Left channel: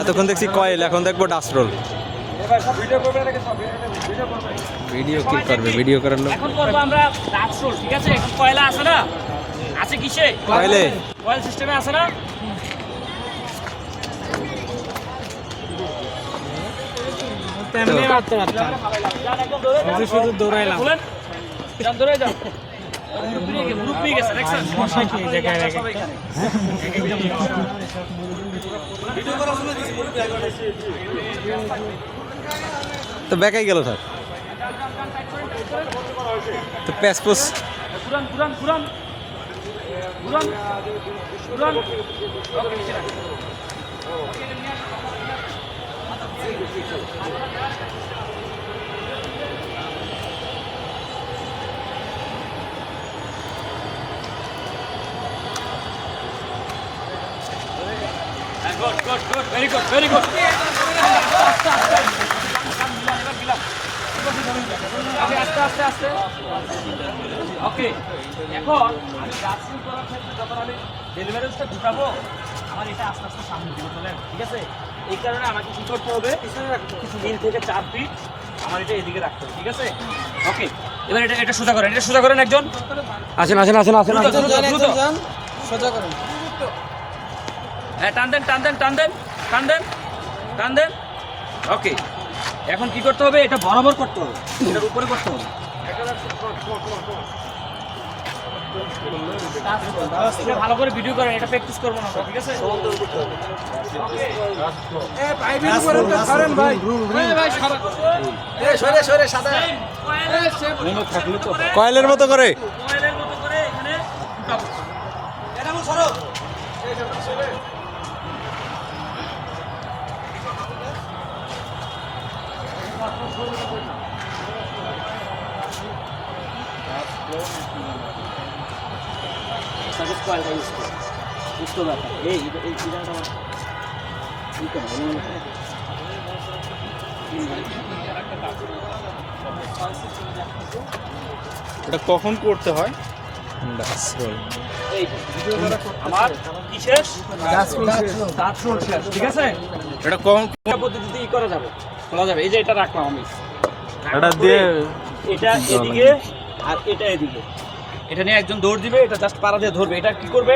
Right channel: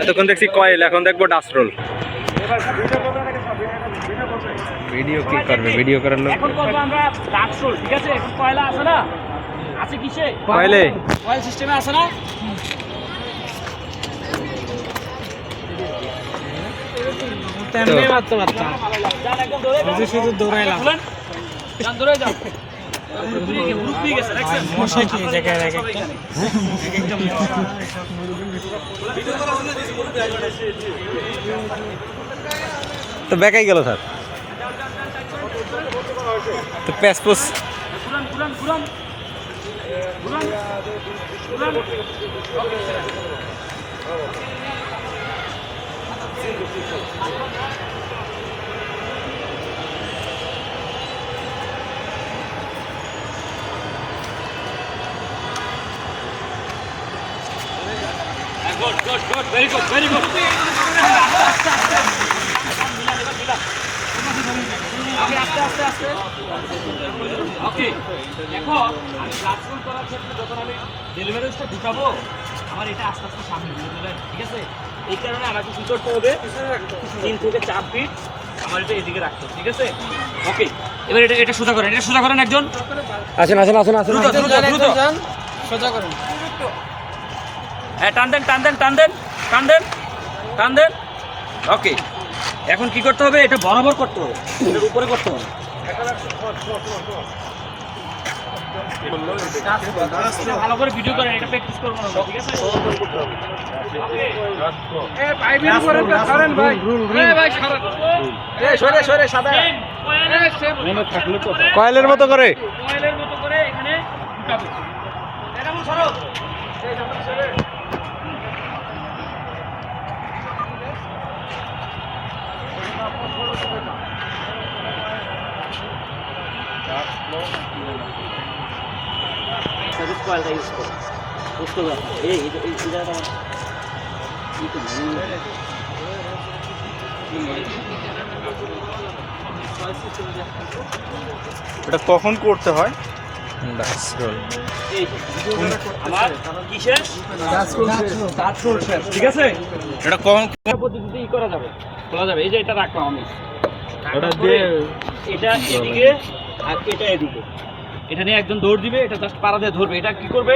এতক্ষণ দেখছি কয়েল, এখন দেখবো ডাস্টরোল। ভিডিও কি করবে? ভিডিও করার লোক এখন করবো আমরা ডাস্টরোল। ঠিক আছে, এখন কয়লা আছে না, আছে কিসে? কয়েলে। কয়েল সিস্টেমে আছে না? শুধু দৌড়াইলাম। দৌড়ে যাও। গ্রুপ নিয়ে গেছে, দেখছেন? মশাই কি জায়গায় রাখে? তো বেকাই গেল স্যার। তো প্যাসপোস ঘুরান ঘুরান ঘুরান ঘুরান ঘুরান। Good, good, good, very good, very good. Okay, আস্তে আস্তে আস্তে। Okay, এখন আমি রাজরুল করার ক্ষেত্রে যখন আমি ডেলিভারিটা ঢুকাবো, আমার এটা আস্তে আস্তে সামনে দিয়ে দেবেন, ঠিক আছে? এই কারণে আমাকে কি করতে হবে, 3 থেকে 4 ফিট আমার এটা এদিকে রাখতে হবে, ঠিক আছে? ওকে, এবার এটা সোজা করেন, এটা সোজা করেন একজন। আসেন আসেন আসেন আসেন। দ্রুত দ্রুত দ্রুত সোজা করেন। হ্যাঁ, টান দেন টান দেন টান দেন টান দেন টান দেন। ওকে, এখন কি করতে হবে? এটা বরাবর করতে হবে, এটার উপরে করতে হবে। ভালো করে ভিডিও করেন, এটা প্র্যাকটিস করবো না, ঠিক আছে? কয়েলের মতো করে। কয়েলের মতো করে এখানে ঢুকাবো। এটা মূল সরো। সার্ভিস কয়েলটা ইউজ করো, বুঝতে পারবে। এই এটা এটা কখন করতে হয়? ডাস্টরোল। এই আমার কি শেষ? ডাস্টরোল শেষ, ঠিক আছে? এটা কখন পদ্ধতিতে ই করা যাবে, খোলা যাবে। এই যে এটা রাখলাম আমি, এটা দিয়ে এটা এদিকে আর এটা এদিকে, এটা নিয়ে একজন দৌড় দিবে, এটা জাস্ট পাড়া দিয়ে ধরবে। এটা কি করবে?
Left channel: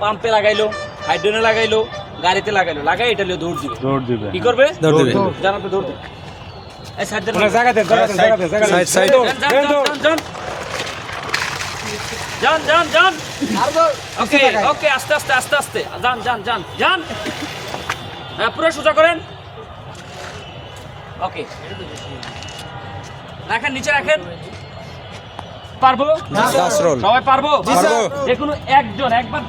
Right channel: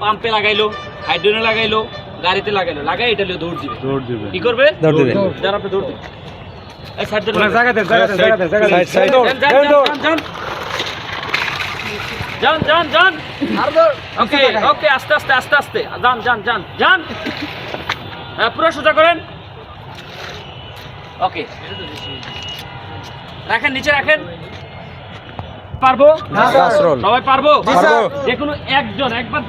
পাম্পে লাগাইলো, হাইড্রোনে লাগাইলো, গাড়িতে লাগাইলো, লাগাই এটা নিয়ে দৌড় দিবে। কি করবে? দৌড় দিবে। যারা আপনি দৌড় দিবে। এই সাইড দেন, সাইড সাইড। যান যান যান। ওকে ওকে, আস্তে আস্তে আস্তে আস্তে যান যান যান যান। হ্যাঁ, পুরো সোজা করেন। ওকে, রাখেন, নিচে রাখেন। পারবো? ডাস্টরোল। সবাই পারবো? পারবো। যে কোনো একজন একবার